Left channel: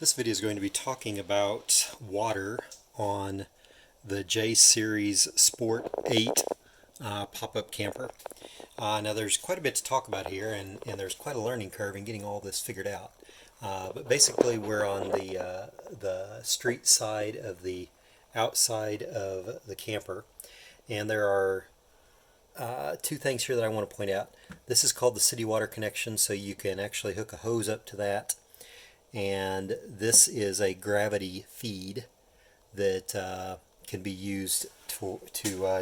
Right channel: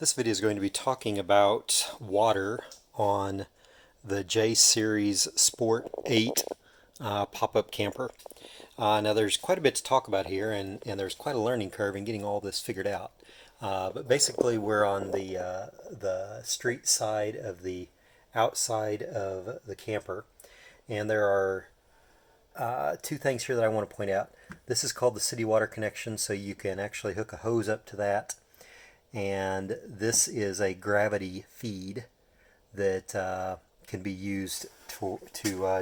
This video is going to be talking about water on the J Series Sport 8 pop-up camper. Now there's quite a bit to talk about here, and there's quite a learning curve in getting all this figured out. But basically we're on the street side of the outside of the camper, and there are two things here that I want to point out. This is called the city water connection, so you can actually hook a hose up to that. And this is a gravity feed that can be used to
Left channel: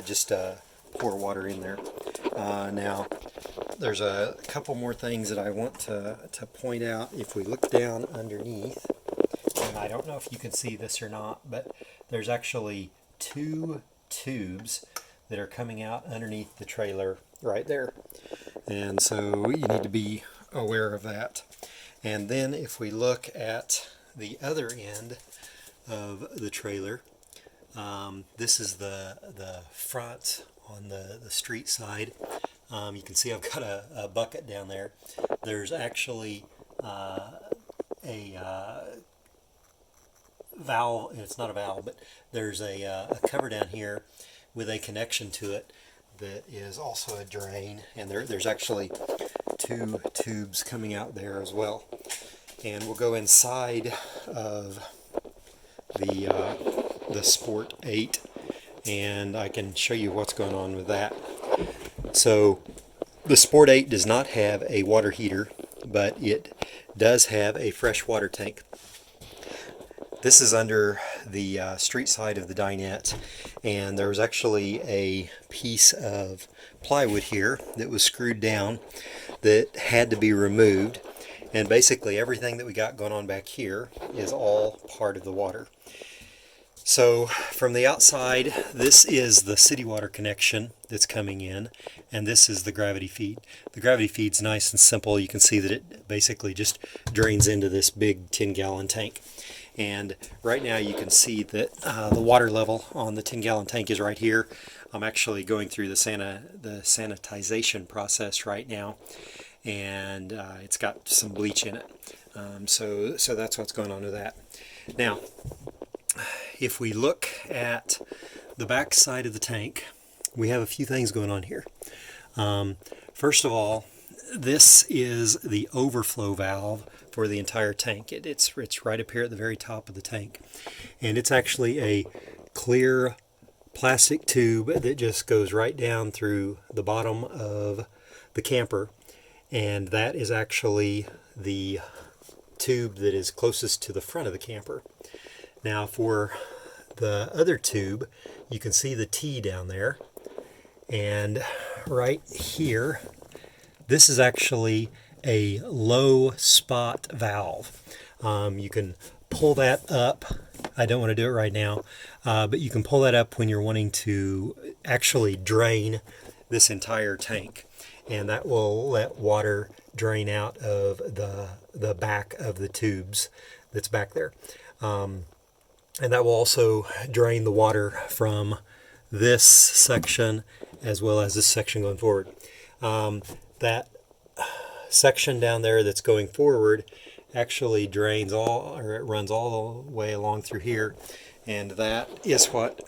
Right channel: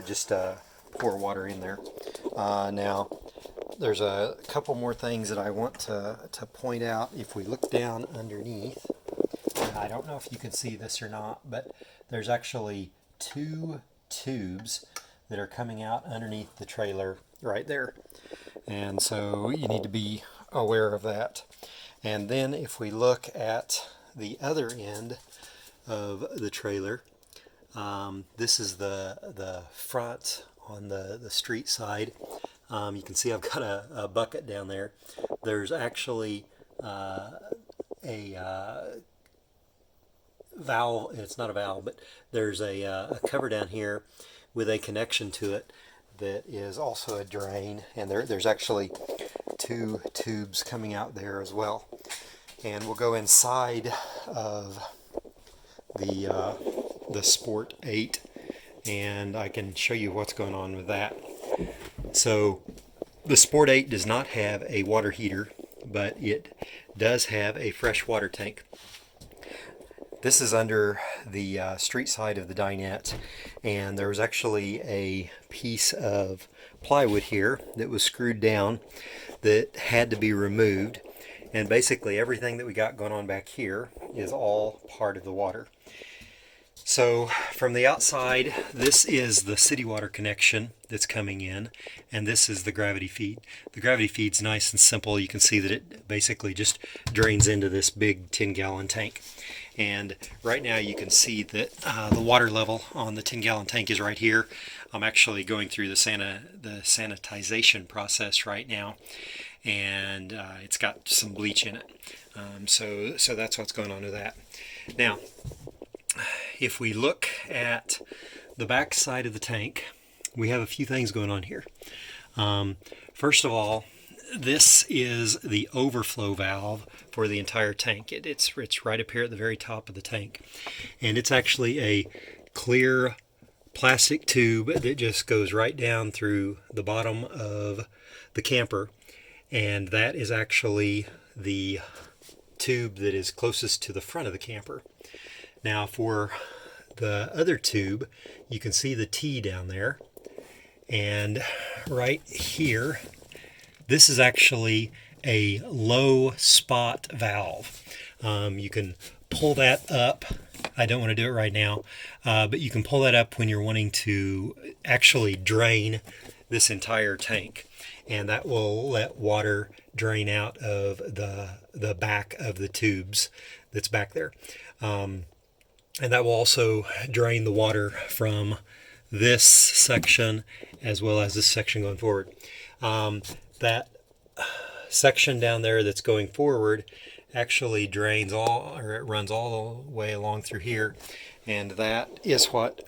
just pour water in there. Now, there's a couple more things that I want to point out. If we look down underneath, and I don't know if you can see this or not, but there's actually two tubes that are coming out underneath the trailer right there. And so you need to be aware of that. And then if we look at the other end of the trailer, this is the front on the street side. You can see I've got a bucket down there. There's actually a valve. It's not a valve, but there's a cover down here with a connection to it that is also a drain, and there's actually two tubes coming out there as well. And we'll go inside of the Sport 8, and I can show you what's going on with that. So the Sport 8 does not have a water heater, but it does have a fresh water tank. This is under the street side of the dinette, and there was actually a piece of plywood here that was screwed down that had to be removed. And basically everything that we got going on back here is all part of the water. So from the outside, this is the city water connection that's coming in, and this is the gravity feed. The gravity feed's nice and simple. You can see that it basically just drains into this big 10-gallon tank. And right now you can see that the water level on the 10-gallon tank is right here. I'm actually going through the sanitization process right now, and it's got some bleach in it. So that's what's going on with that. Now, if we look at the back side of the tank, we have a few things going on here. First of all, this is the overflow valve for the entire tank. It's right up here at the very top of the tank. And it's actually a clear plastic tube that just goes right down through the bottom of the camper. And that is actually the tube that is closest to the front of the camper. Now for the other tube, you can see the T down there. And right here, this is actually a low spot valve. You can pull that up. I don't want to do it right now, but you can pull that up when you're wanting to actually drain this entire tank. And that will let water drain out of the back of the tubes that's back there. And that will also drain the water from this section as well as this section going forward. That section down there that's going forward actually drains or it runs all the way along through here, and that is what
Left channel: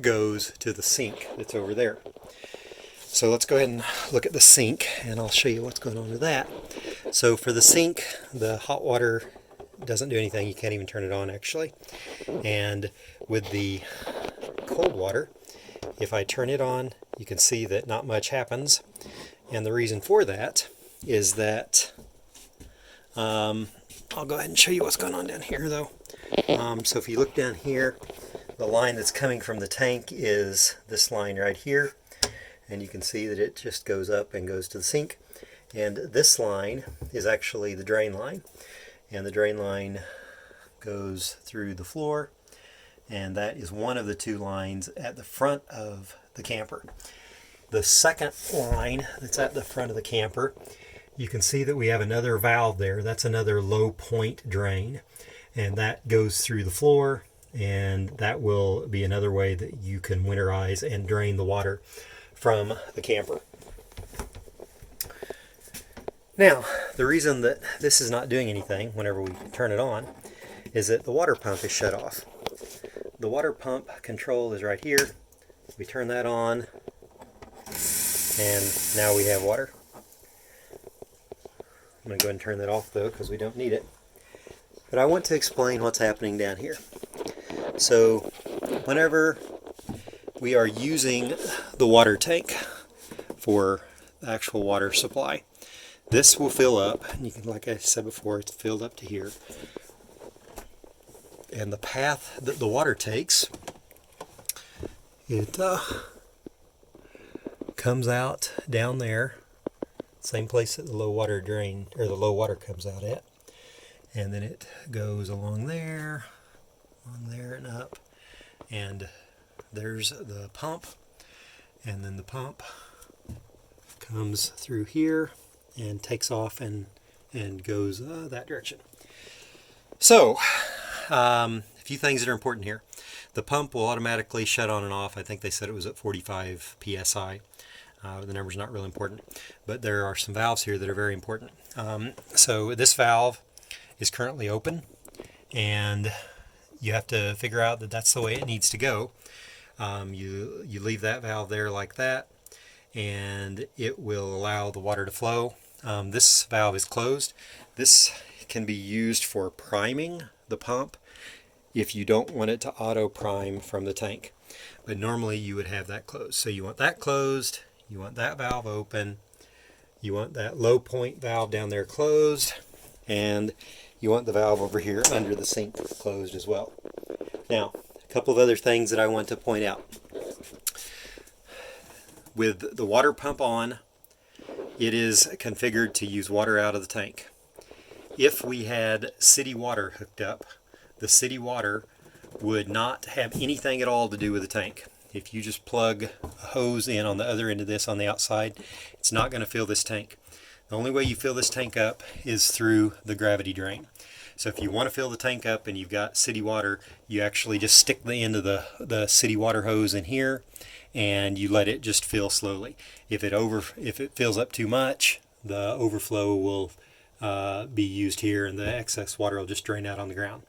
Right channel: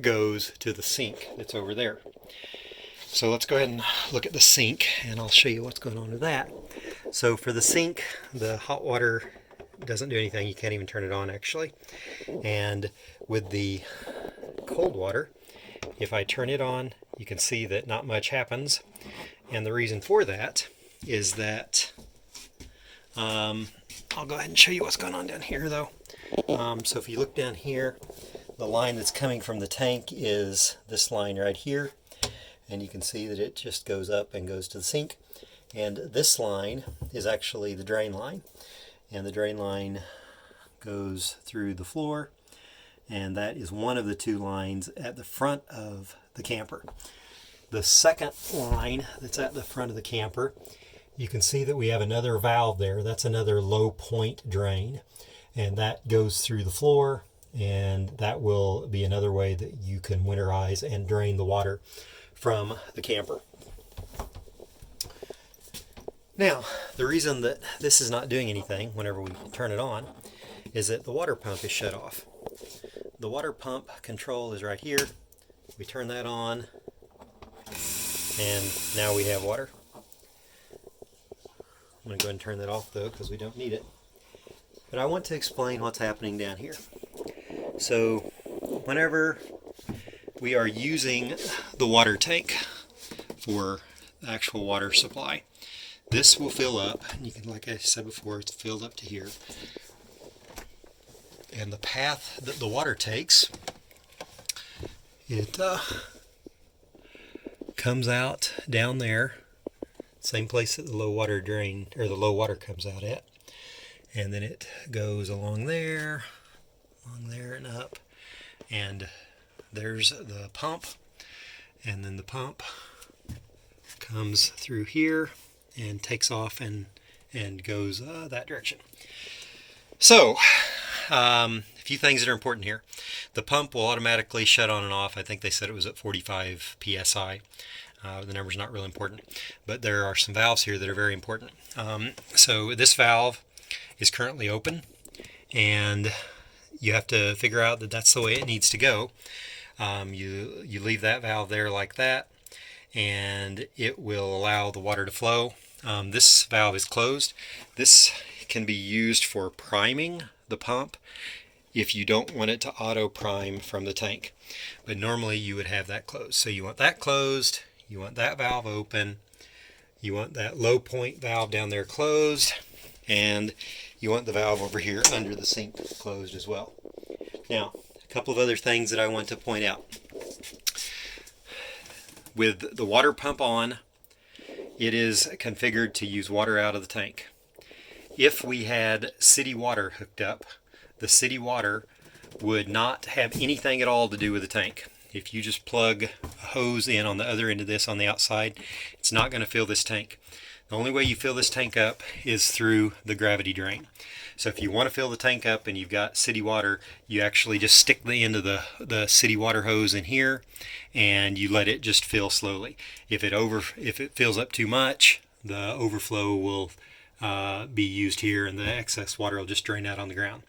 goes to the sink that's over there. So let's go ahead and look at the sink, and I'll show you what's going on with that. So for the sink, the hot water doesn't do anything. You can't even turn it on, actually. And with the cold water, if I turn it on, you can see that not much happens. And the reason for that is that, I'll go ahead and show you what's going on down here, though. So if you look down here, the line that's coming from the tank is this line right here. And you can see that it just goes up and goes to the sink. And this line is actually the drain line. And the drain line goes through the floor. And that is one of the two lines at the front of the camper. The second line that's at the front of the camper, you can see that we have another valve there. That's another low point drain. And that goes through the floor. And that will be another way that you can winterize and drain the water from the camper. Now, the reason that this is not doing anything whenever we turn it on is that the water pump is shut off. The water pump control is right here. We turn that on, and now we have water. I'm going to go ahead and turn that off though, because we don't need it. But I want to explain what's happening down here. So whenever we are using the water tank for the actual water supply, this will fill up. You can, like I said before, it's filled up to here. And the path that the water takes, it comes out down there, same place that the low water drain, or the low water comes out at. And then it goes along there and up. And there's the pump. And then the pump comes through here and takes off and goes that direction. So, a few things that are important here. The pump will automatically shut on and off. I think they said it was at 45 psi. The number's not really important, but there are some valves here that are very important. So this valve is currently open, and you have to figure out that that's the way it needs to go. You leave that valve there like that, and it will allow the water to flow. This valve is closed. This can be used for priming the pump if you don't want it to auto prime from the tank. But normally you would have that closed. So you want that closed, you want that valve open, you want that low point valve down there closed, and you want the valve over here under the sink closed as well. Now, a couple of other things that I want to point out. With the water pump on, it is configured to use water out of the tank. If we had city water hooked up, the city water would not have anything at all to do with the tank. If you just plug a hose in on the other end of this on the outside, it's not going to fill this tank. The only way you fill this tank up is through the gravity drain. So if you want to fill the tank up and you've got city water, you actually just stick the end of the city water hose in here and you let it just fill slowly. If it fills up too much, the overflow will be used here and the excess water will just drain out on the ground.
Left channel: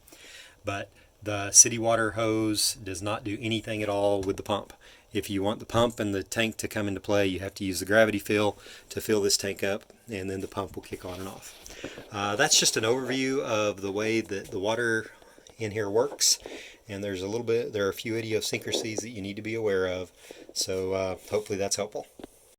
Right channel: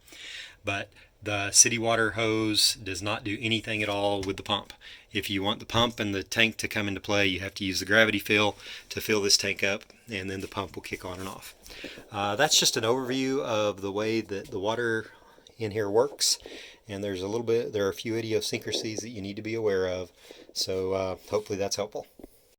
But the city water hose does not do anything at all with the pump. If you want the pump and the tank to come into play, you have to use the gravity fill to fill this tank up, and then the pump will kick on and off. That's just an overview of the way that the water in here works, and there are a few idiosyncrasies that you need to be aware of. So hopefully that's helpful.